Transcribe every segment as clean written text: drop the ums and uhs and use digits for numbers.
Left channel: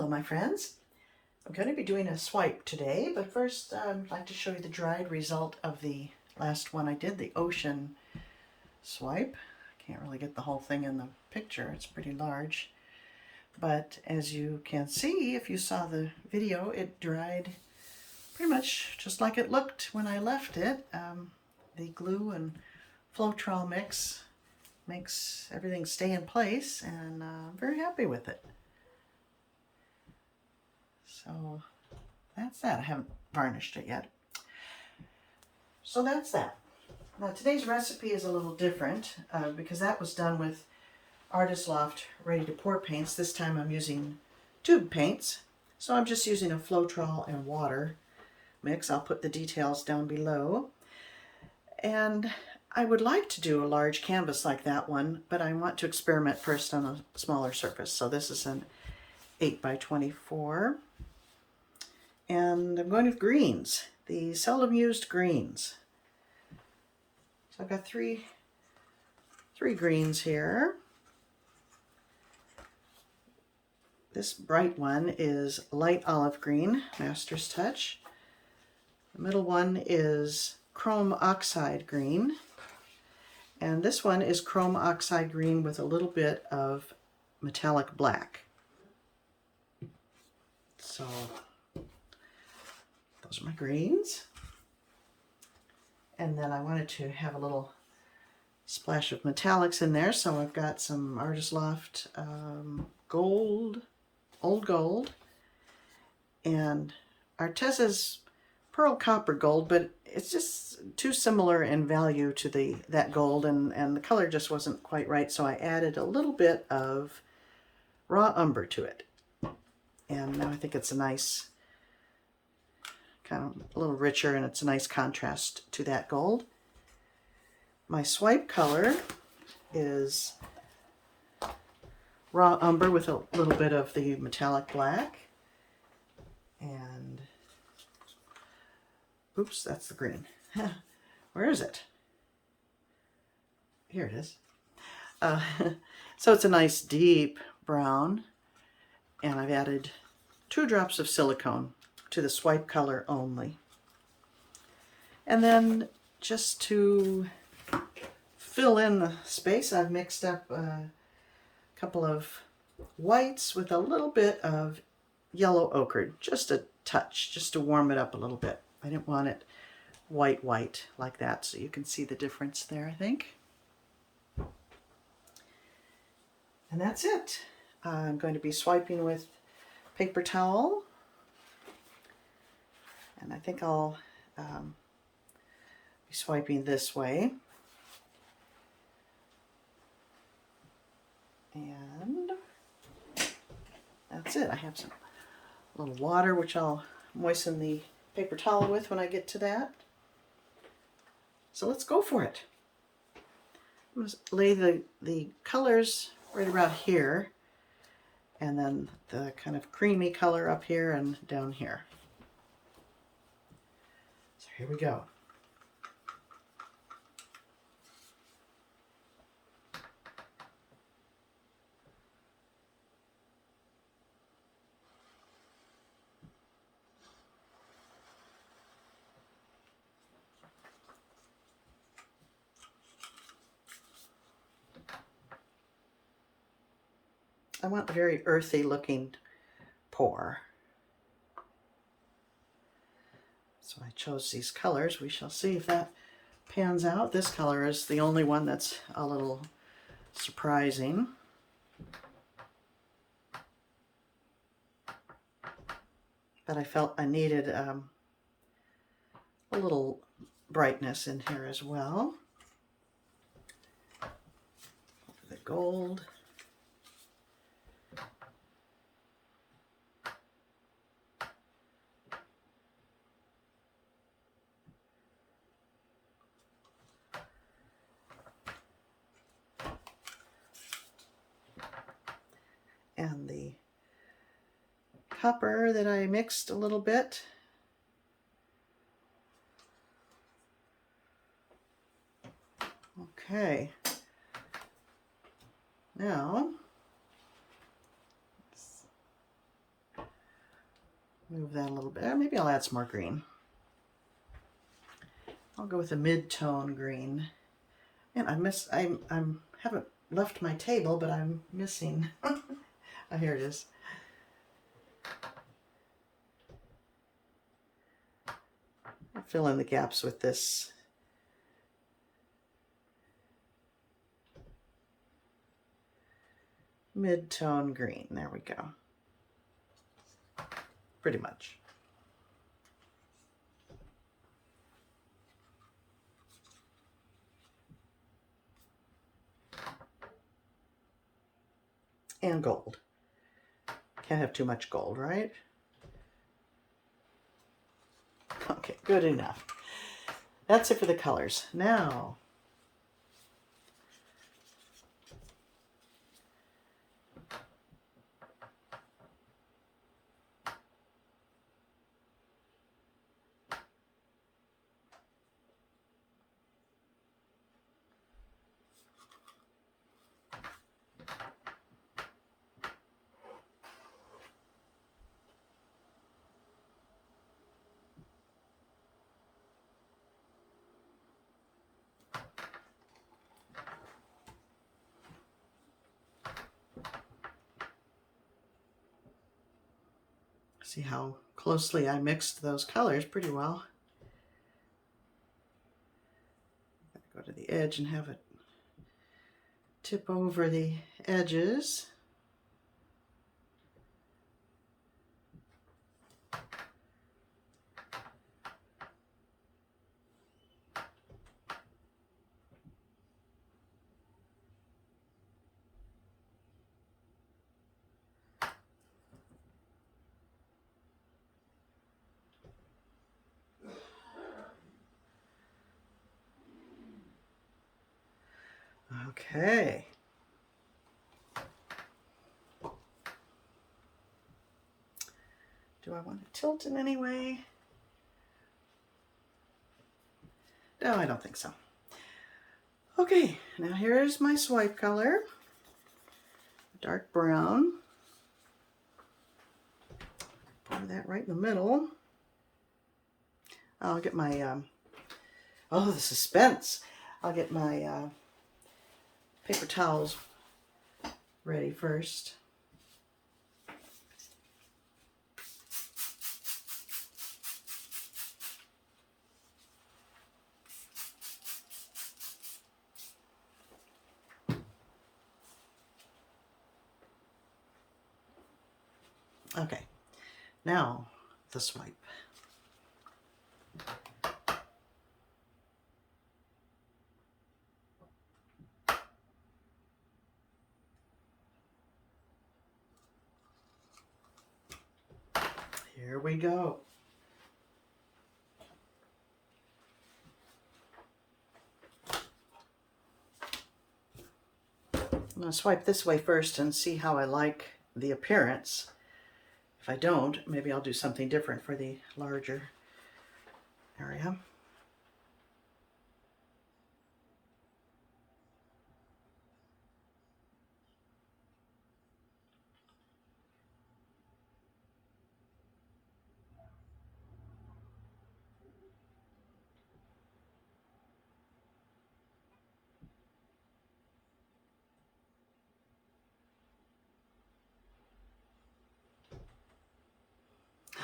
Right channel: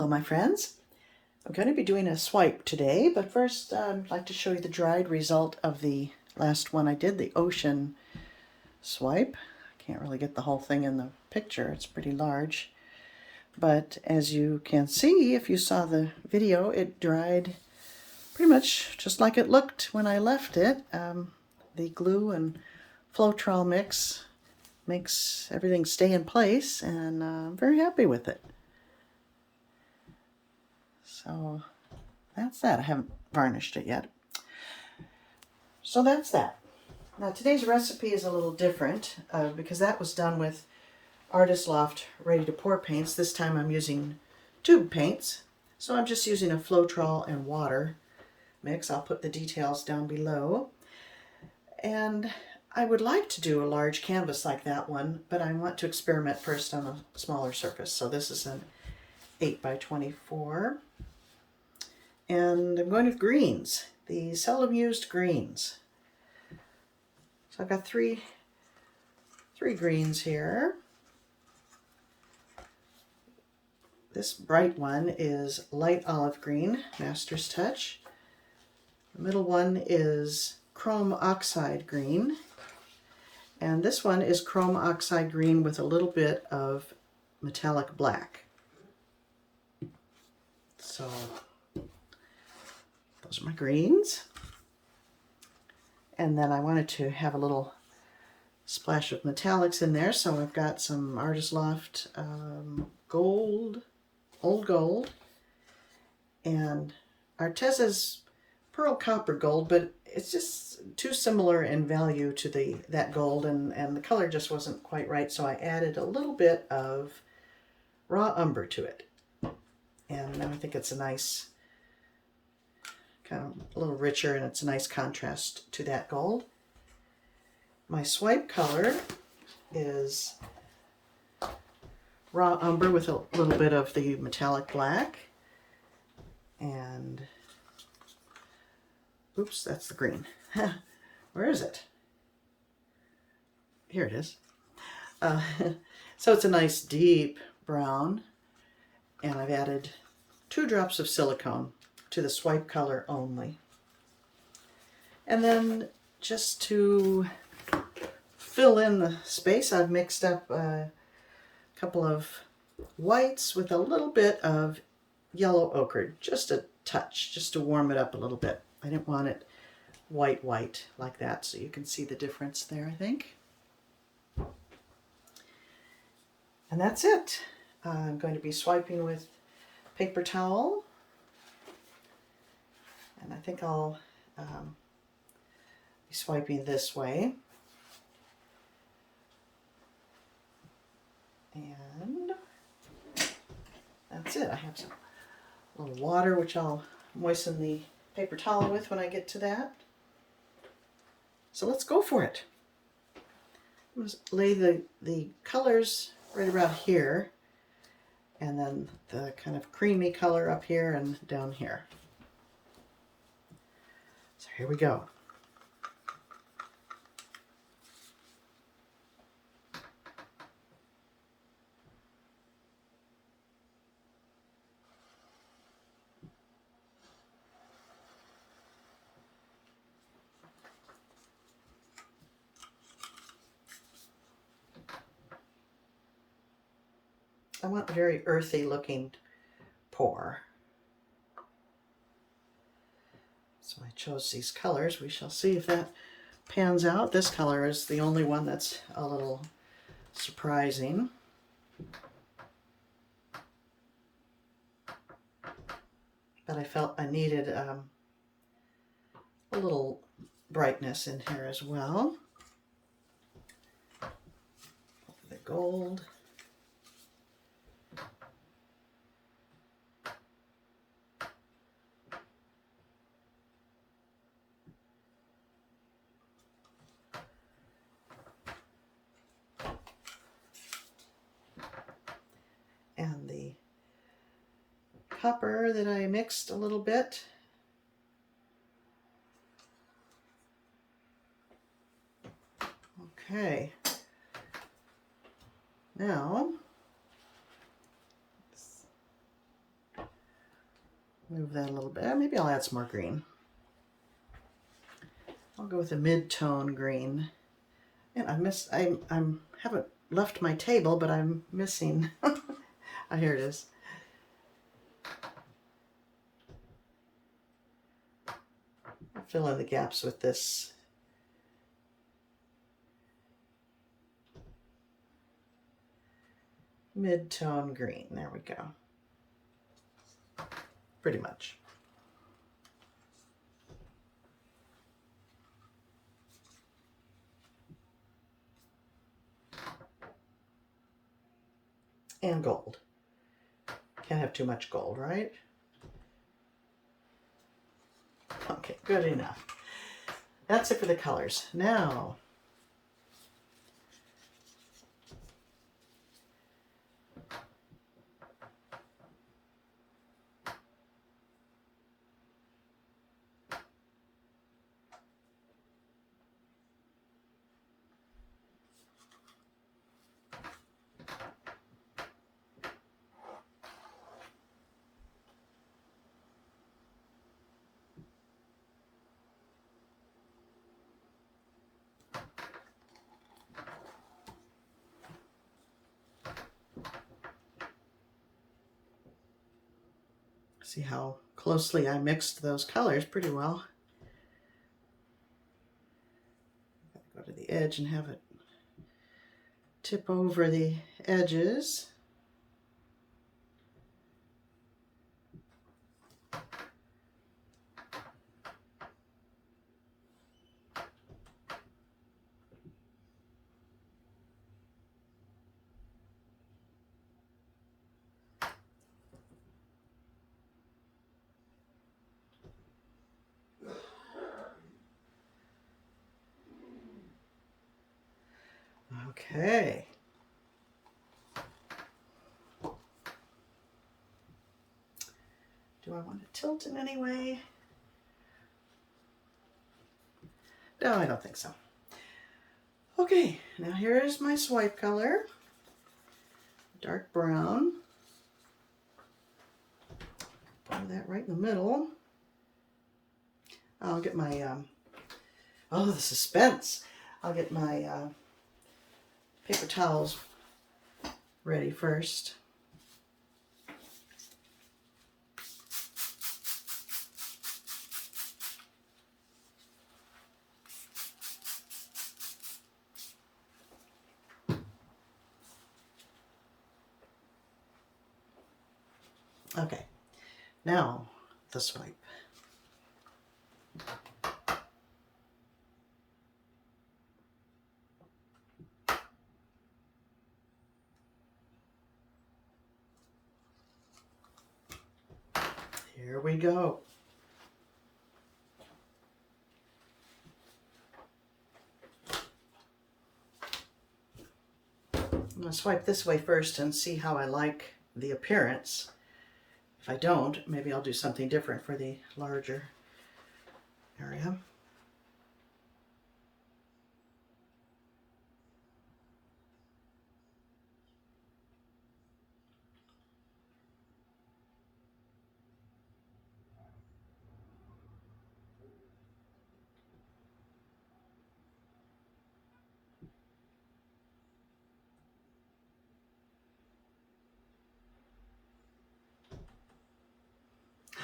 Hello my friends. I'm going to be doing a swipe today, but first I'd like to show you the dried result of the last one I did, the ocean swipe. I can't really get the whole thing in the picture, it's pretty large. But as you can see, if you saw the video, it dried pretty much just like it looked when I left it. The glue and Floetrol mix makes everything stay in place, and I'm very happy with it. So that's that. I haven't varnished it yet. So that's that. Now today's recipe is a little different because that was done with Artist Loft Ready to Pour paints. This time I'm using tube paints. So I'm just using a Floetrol and water mix. I'll put the details down below. And I would like to do a large canvas like that one, but I want to experiment first on a smaller surface. So this is an 8 by 24. And I'm going with greens, the seldom used greens. So I've got three greens here. This bright one is light olive green, Master's Touch. The middle one is chrome oxide green. And this one is chrome oxide green with a little bit of metallic black. So those are my greens. And then I wanted to have a little splash of metallics in there, so I've got some Artist Loft gold, old gold, and Arteza's pearl copper gold, but it's just too similar in value to that gold, and the color just wasn't quite right, so I added a little bit of raw umber to it. And now I think it's a nice, kind of a little richer, and it's a nice contrast to that gold. My swipe color is raw umber with a little bit of the metallic black. And, oops, that's the green. Where is it? Here it is. So it's a nice deep brown, and I've added 2 drops of silicone to the swipe color only. And then just to fill in the space, I've mixed up a couple of whites with a little bit of yellow ochre, just a touch, just to warm it up a little bit. I didn't want it white like that, so you can see the difference there, I think. And that's it. I'm going to be swiping with paper towel. And I think I'll be swiping this way. And that's it. I have some little water, which I'll moisten the paper towel with when I get to that. So let's go for it. Let's lay the colors right around here, and then the kind of creamy color up here and down here. So here we go. I want a very earthy looking pour. So I chose these colors. We shall see if that pans out. This color is the only one that's a little surprising. But I felt I needed a little brightness in here as well. The gold. And the copper that I mixed a little bit. Okay. Now, Move that a little bit. Maybe I'll add some more green. I'll go with a mid-tone green. And I haven't left my table, but I'm missing. Oh, here it is. I'll fill in the gaps with this mid-tone green. There we go. Pretty much. And gold. Can't have too much gold, right? Okay, good enough. That's it for the colors. Now, see how closely I mixed those colors pretty well. Go to the edge and have it tip over the edges. Okay. Do I want to tilt in any way? No, I don't think so. Okay, now here's my swipe color. Dark brown. Pour that right in the middle. I'll get my, oh, the suspense. I'll get my paper towels ready first. Okay, now the swipe. Here we go. I'm going to swipe this way first and see how I like the appearance. If I don't, maybe I'll do something different for the larger area.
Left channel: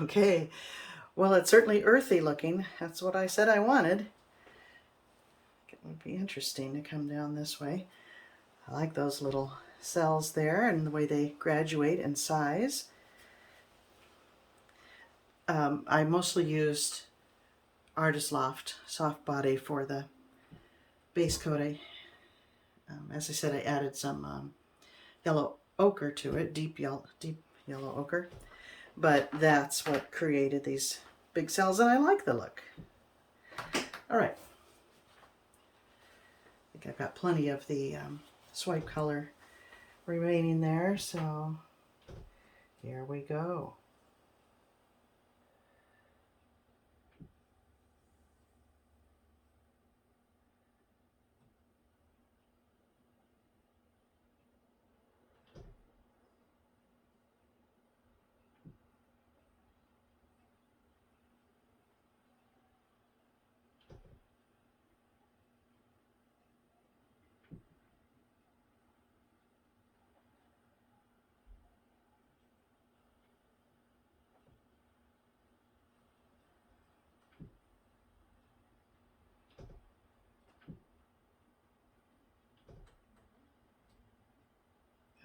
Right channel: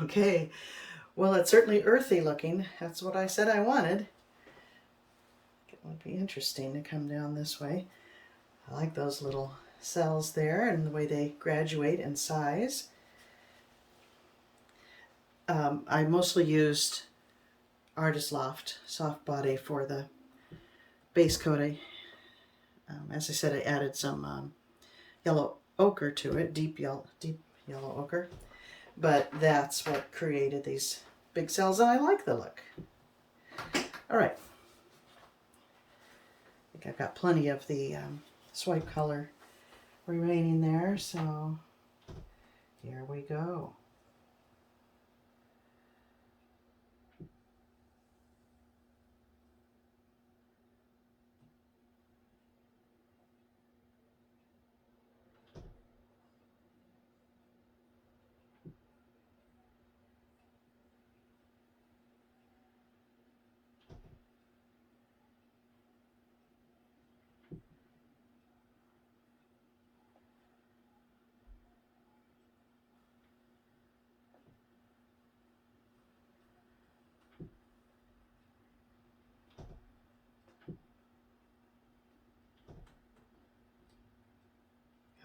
Okay, well, it's certainly earthy looking. That's what I said I wanted. It would be interesting to come down this way. I like those little cells there and the way they graduate in size. I mostly used Artist Loft Soft Body for the base coat. As I said, I added some yellow ochre to it, deep yellow ochre. But that's what created these big cells, and I like the look. All right. I think I've got plenty of the swipe color remaining there, so here we go.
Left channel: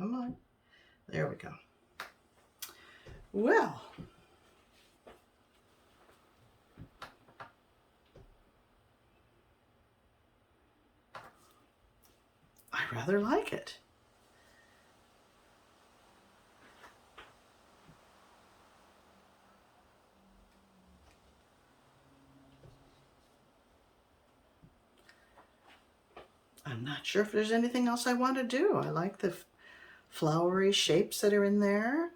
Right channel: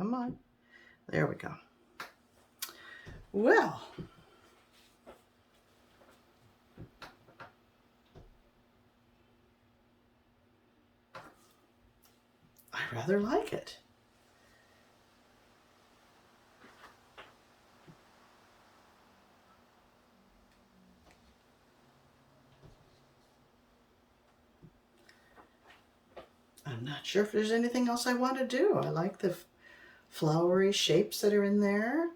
Come on. There we go. Well, I rather like it. I'm not sure if there's anything else I want to do. I like the flowery shapes that are in there.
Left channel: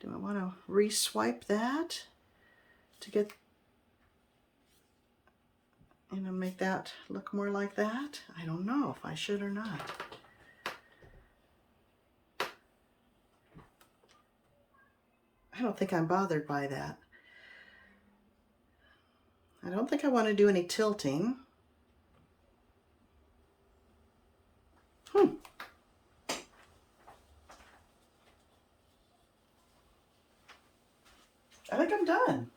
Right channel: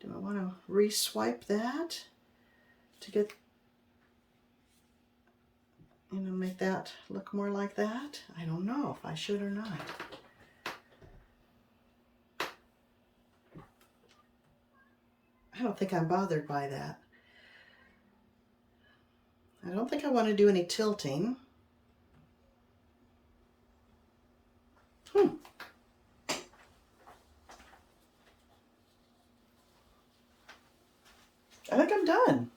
Do I want to re-swipe that to get, you know, make that look more like that? I don't know if I should or not. I don't think I'm bothered by that. I don't think I want to do any tilting. I think I'm done.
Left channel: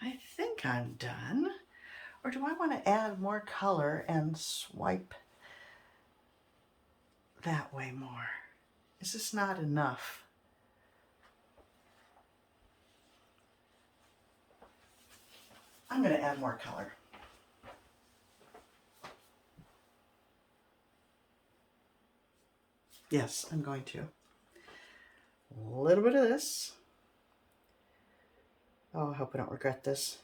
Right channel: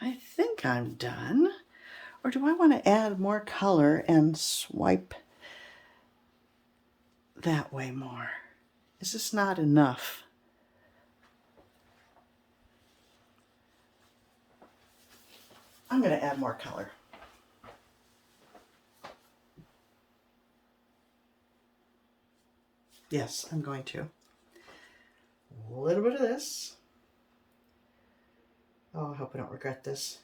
I think I'm done. Or do I want to add more color and swipe that way more? Is this not enough? I'm going to add more color. Yes, I'm going to. A little bit of this. Oh, I hope I don't regret this.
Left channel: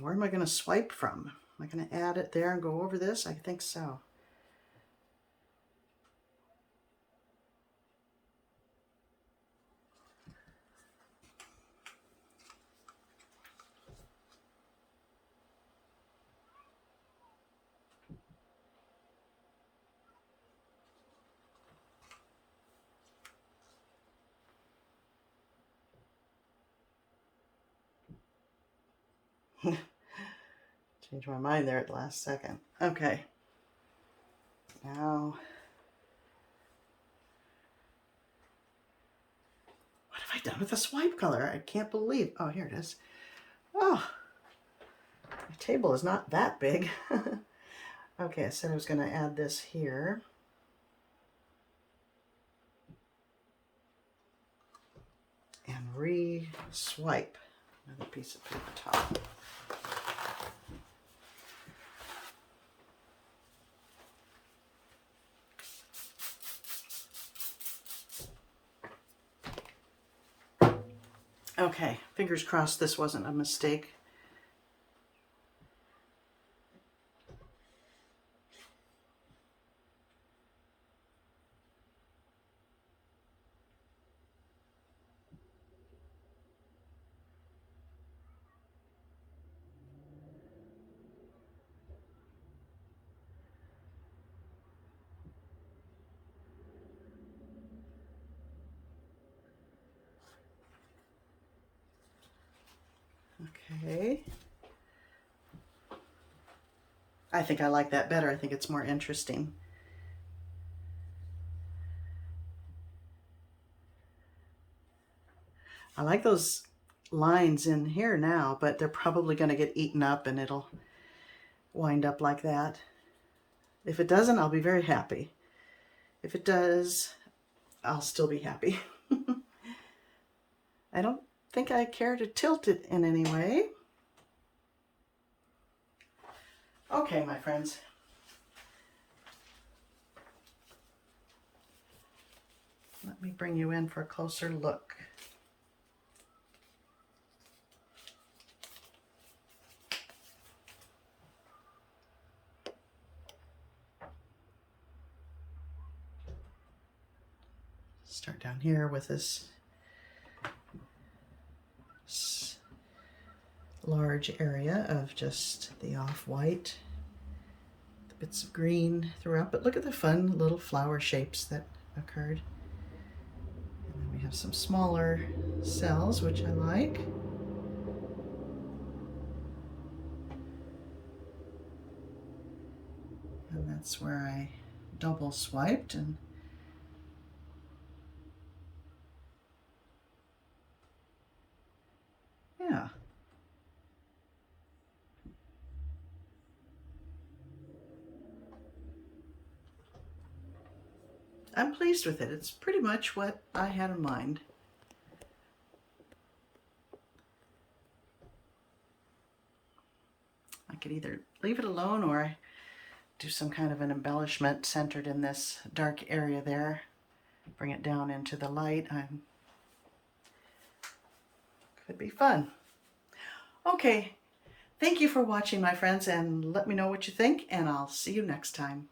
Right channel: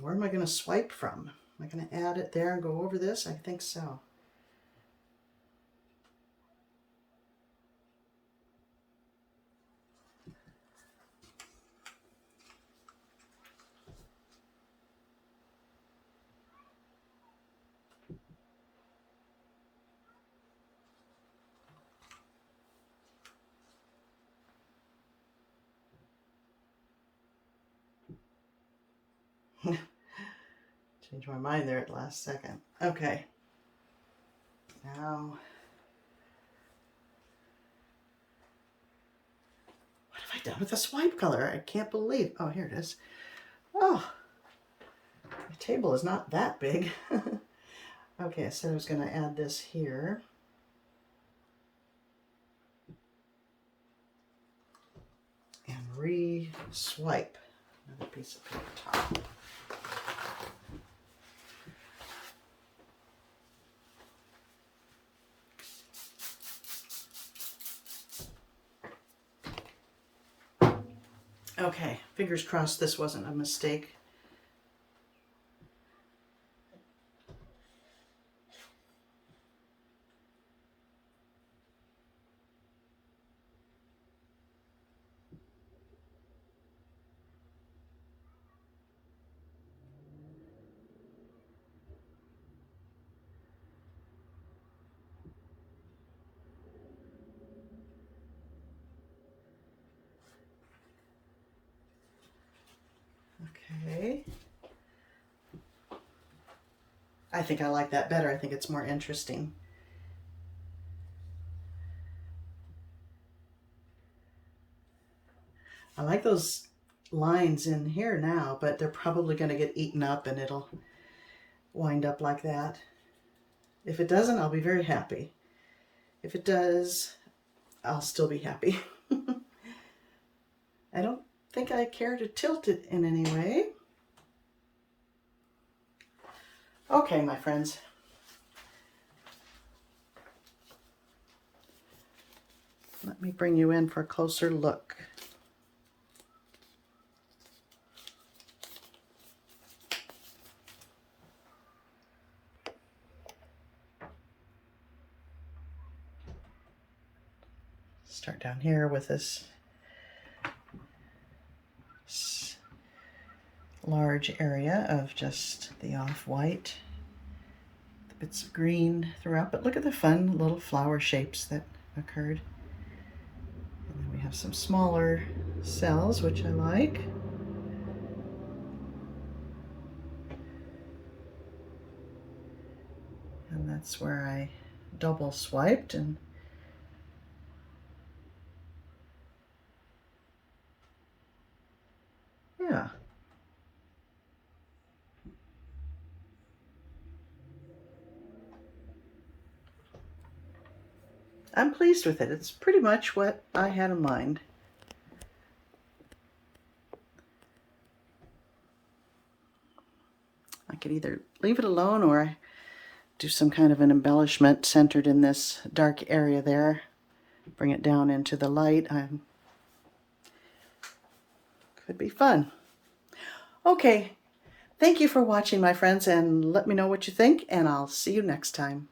Where am I going to swipe from? Am I going to add it there and go over this? I think so. Changed my mind there at the last second. Okay. Now, what have I done with the swipe color? I can't believe. Oh, here it is. Oh, the table is not that big. Okay, I said I was going to add this here. And re-swipe another piece of paper towel. Okay, fingers crossed this wasn't a mistake. Okay. I think I like that better. I think it's more interesting. I like those lines in here now, but they're probably going to get eaten up and it'll wind up like that. If it doesn't, I'll be very happy. If it does, I'll still be happy. I don't think I care to tilt it in any way. Okay, my friends. Let me bring you in for a closer look. Start down here with this large area of just the off-white, the bits of green throughout, but look at the fun little flower shapes that occurred. And then we have some smaller cells, which I like. And that's where I double swiped, and yeah. I'm pleased with it. It's pretty much what I had in mind. I could either leave it alone or do some kind of an embellishment centered in this dark area there. Bring it down into the light. Could be fun. Okay, thank you for watching, my friends, and let me know what you think, and I'll see you next time.